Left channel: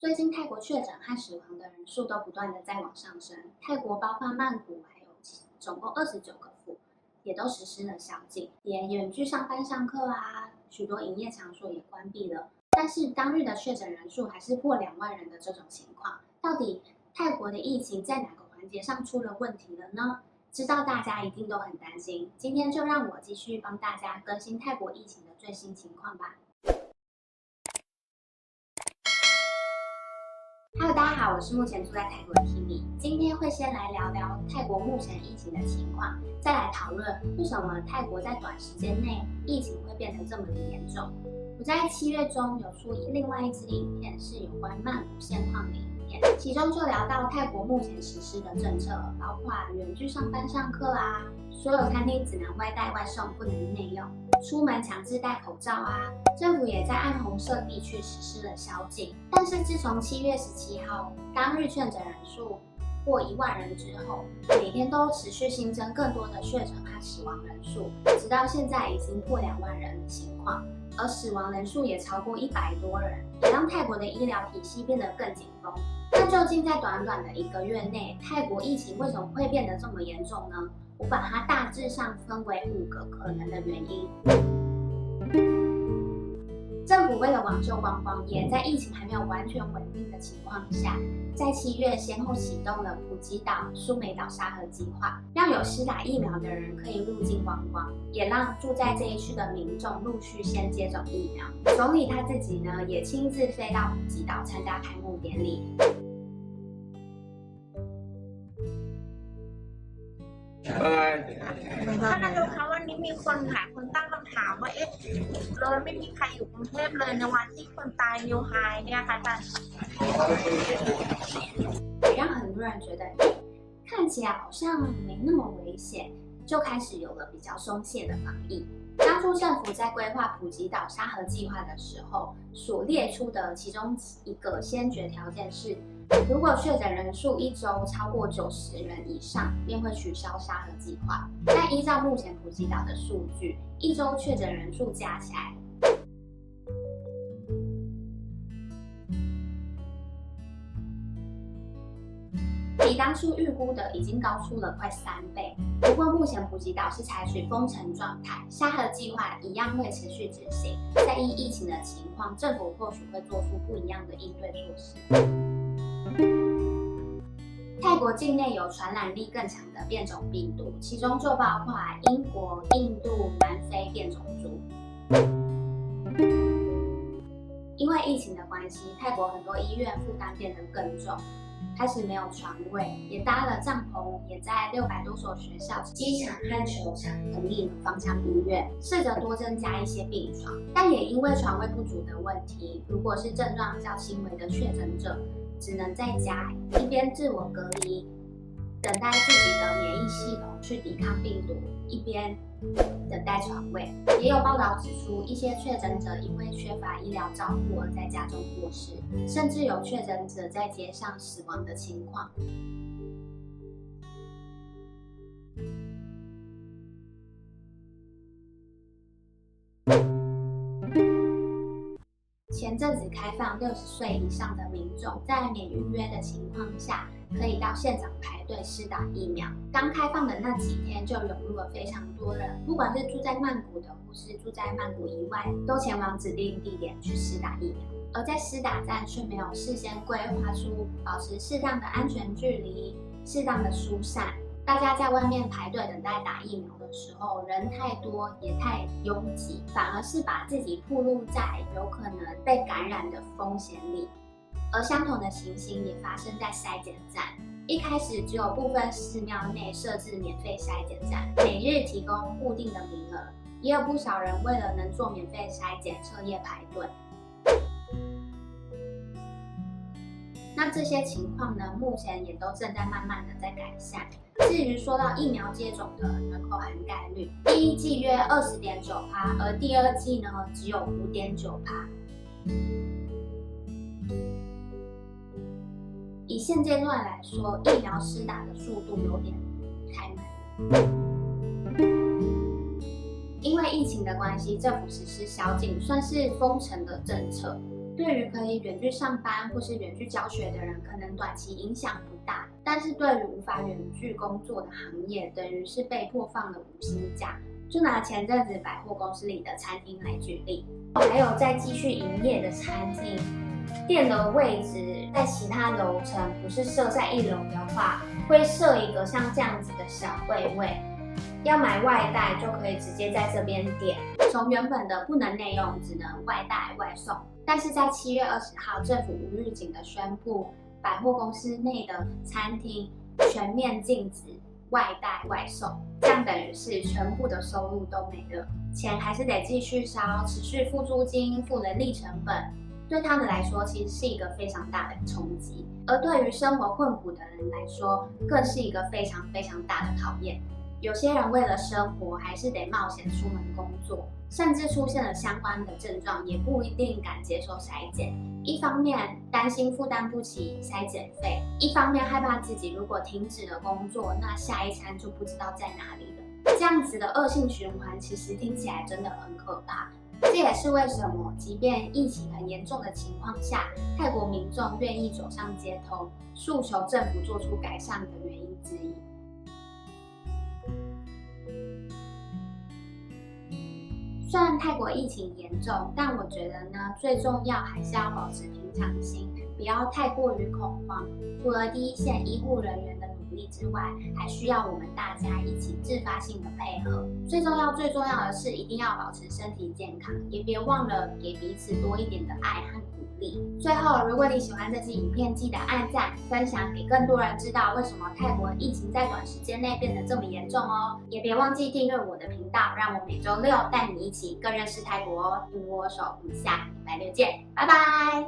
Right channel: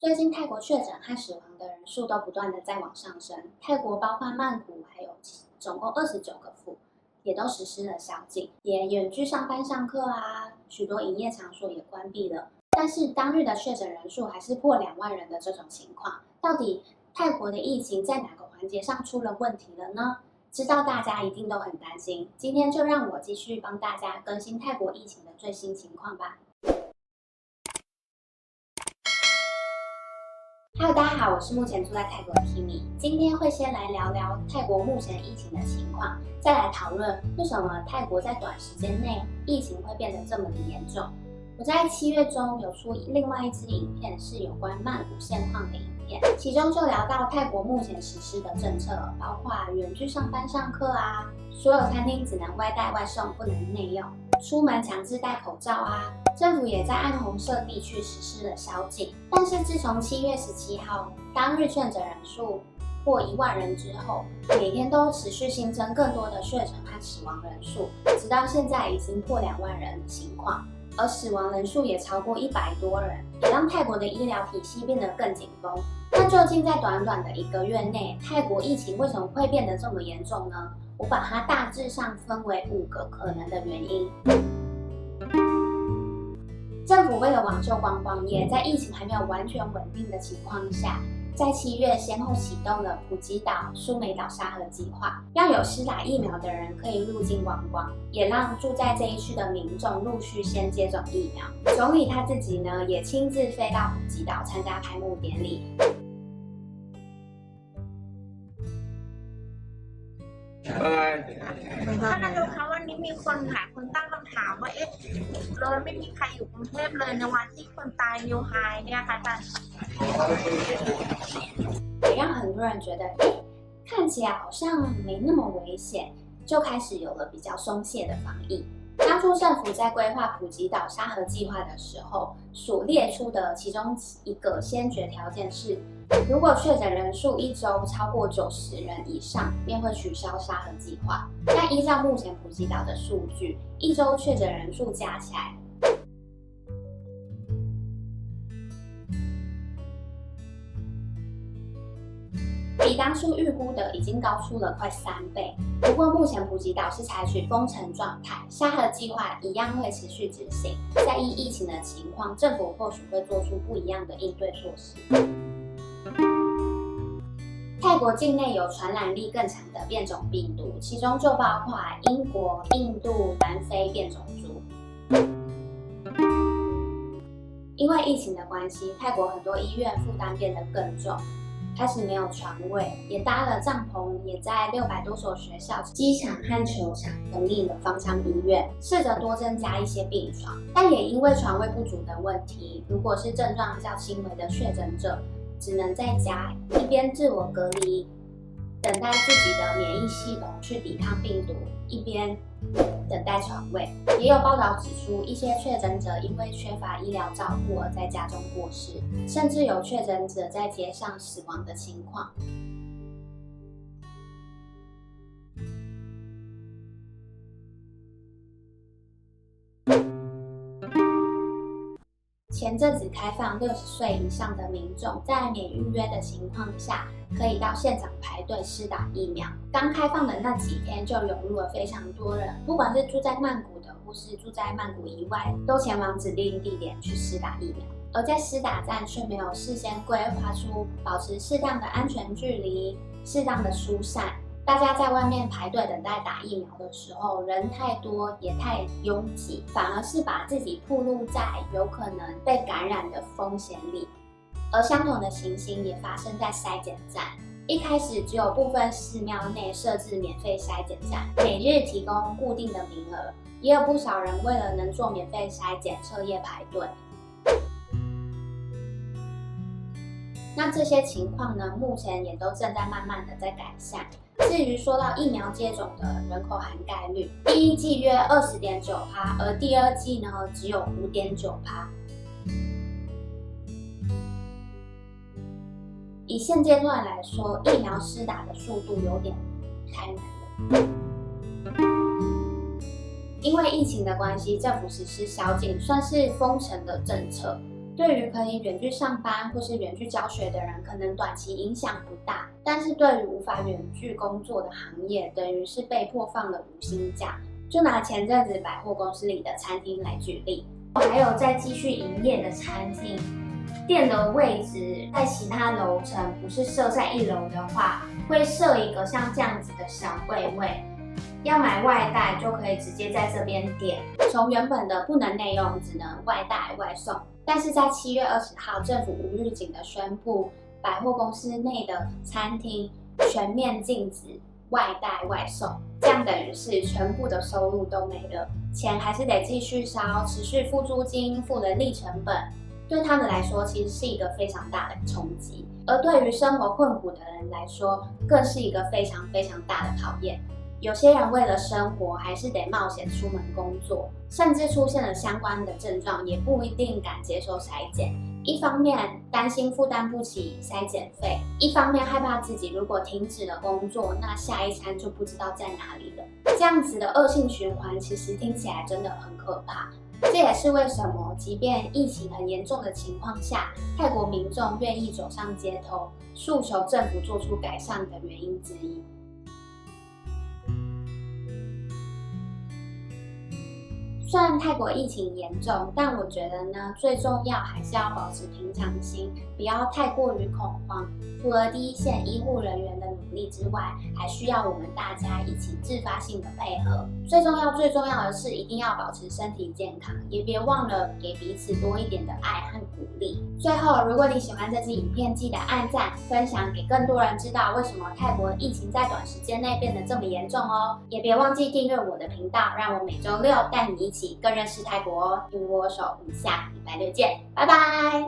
最近泰国确诊和死亡的人数都不断的在往上升，泰国包括曼谷还有总共29个府，也都实施了宵禁，也远距上班上课啊，许多营业场所也关闭了。但是当日的确诊人数还是破2万人的这种情况，到底泰国的疫情在哪个环节上出了问题了呢？知道大家一定都很担心，今天就让我继续帮大家更新泰国疫情的最新情况吧。Hello， 大家好，我是目前住在泰国的 Kimi。今天会先来聊聊泰国目前疫情的情况，再来讨论为什么泰国在短时间内疫情会变得这么的严重。我在7月中有出另外一支影片，是有关曼谷现况的影片，其中就聊到泰国目前实施的政策，包括远距上班上课啊，所有餐厅只能外带外送，不能内用。出门强制戴口罩啊，政府也在暗红色地区实施了宵禁。但是自从7月17号当日确诊人数破1万人之后，每天都持续新增更多的确诊和死亡人数，直到现在已经破2万人的情况，而死亡人数也超过100多人，也让泰国的医疗体系变得更紧绷。那究竟在短短的1个月内，泰国疫情为什么会变得这么严重呢？我把它大致上分为5个可能的原因。政府为了挽救观光业，在疫情还没有完全稳定的情况下，在7月先后启动了普吉岛、苏梅岛沙盒计划，让有施打疫苗的人可以入境观光，也让住在这一区的民众陆续先接种疫苗。总理他自己呢，也亲自飞到普吉岛参加开幕典礼。ท่านนายกคะวันนี้มีคนหลายคนตั้งคำถามว่าเราไม่มีใครอยู่กรุงเทพเลยในวันที่คนตายนิวไฮเนี่ยค่ะอาจารย์也让很多人觉得，看起来好像没那么危险，就开始有了比较松懈的防疫。当初政府在规划普吉岛沙盒计划的时候，所列出的其中一个先决条件是，如果确诊人数1周超过90人以上，便会取消沙盒计划。但依照目前普吉岛的数据，1周确诊人数加起来，比当初预估的已经高出了快3倍。不过目前普吉岛是采取封城状态，沙盒计划一样会持续执行。在依疫情的情况，政府或许会做出不一样的应对措施。泰国境内有传染力更强的变种病毒，其中就包括英国、印度、南非变种株。因为疫情的关系，泰国很多医院负担变得更重，开始没有床位，也搭了帐篷，也在600多所学校、机场和球场成立了方舱医院，试着多增加一些病床。但也因为床位不足的问题，如果是症状较轻微的确诊者，只能在家一边自我隔离，等待自己的免疫系统去抵抗病毒，一边等待床位。也有报道指出，一些确诊者因为缺乏医疗照顾而在家中过世，甚至有确诊者在街上死亡的情况。前阵子开放60岁以上的民众在免预约的情况下，可以到现场排队施打疫苗。刚开放的那几天就涌入了非常多人，不管是住在曼谷的或是住在曼谷以外，都前往指定地点去施打疫苗。而在施打站却没有事先规划出保持适当的安全距离、适当的疏散。大家在外面排队等待打疫苗的时候，人太多也太拥挤，反而是把自己暴露在有可能被感染的风险里。而相同的情形也发生在筛检站，一开始只有部分寺庙内设置免费筛检站，每日提供固定的名额，也有不少人为了能做免费筛检彻夜排队。那这些情况呢，目前也都正在慢慢的在改善。至于说到疫苗接种的人口涵盖率，第一季约20.9%，而第二季呢只有5.9%。以现阶段来说，疫苗施打的速度有点太慢了。因为疫情的关系，政府实施宵禁，算是封城的政策。对于可以远距上班或是远距教学的人，可能短期影响不大，但是对于无法远距工作的行业，等于是被迫放了无薪假。就拿前阵子百货公司里的餐厅来举例，还有在继续营业的餐厅，店的位置在其他楼层不是设在1楼的话，会设一个像这样子的小柜位，要买外带就可以直接在这边点，从原本的不能内用，只能外带外送。但是在7月20号，政府无预警的宣布，百货公司内的餐厅全面禁止外带外送，这样等于是全部的收入都没了，钱还是得继续烧，持续付租金、付人力成本，对他们来说其实是一个非常大的冲击，而对于生活困苦的人来说，更是一个非常非常大的考验。有些人为了生活还是得冒险出门工作，甚至出现了相关的症状，也不一定敢接受筛检。一方面担心负担不起筛检费，一方面害怕自己如果停止了工作，那下一餐就不知道在哪里了。这样子的恶性循环，其实听起来真的很可怕。这也是为什么即便疫情很严重的情况下，泰国民众愿意走上街头，诉求政府做出改善的原因之一。虽然泰国疫情严重，但我觉得呢，最重要还是要保持平常心，不要太过于恐慌。除了第一线医护人员的努力之外，还需要我们大家一起自发性的配合。最重要的是，一定要保持身体健康，也别忘了给彼此多一点的爱和鼓励。最后，如果你喜欢这支影片，记得按赞、分享给更多人知道为什么泰国疫情在短时间内变得这么严重哦。也别忘记订阅我的频道，让我每周6带你一起更认识泰国哦。与我手，我们下礼拜6见，拜拜。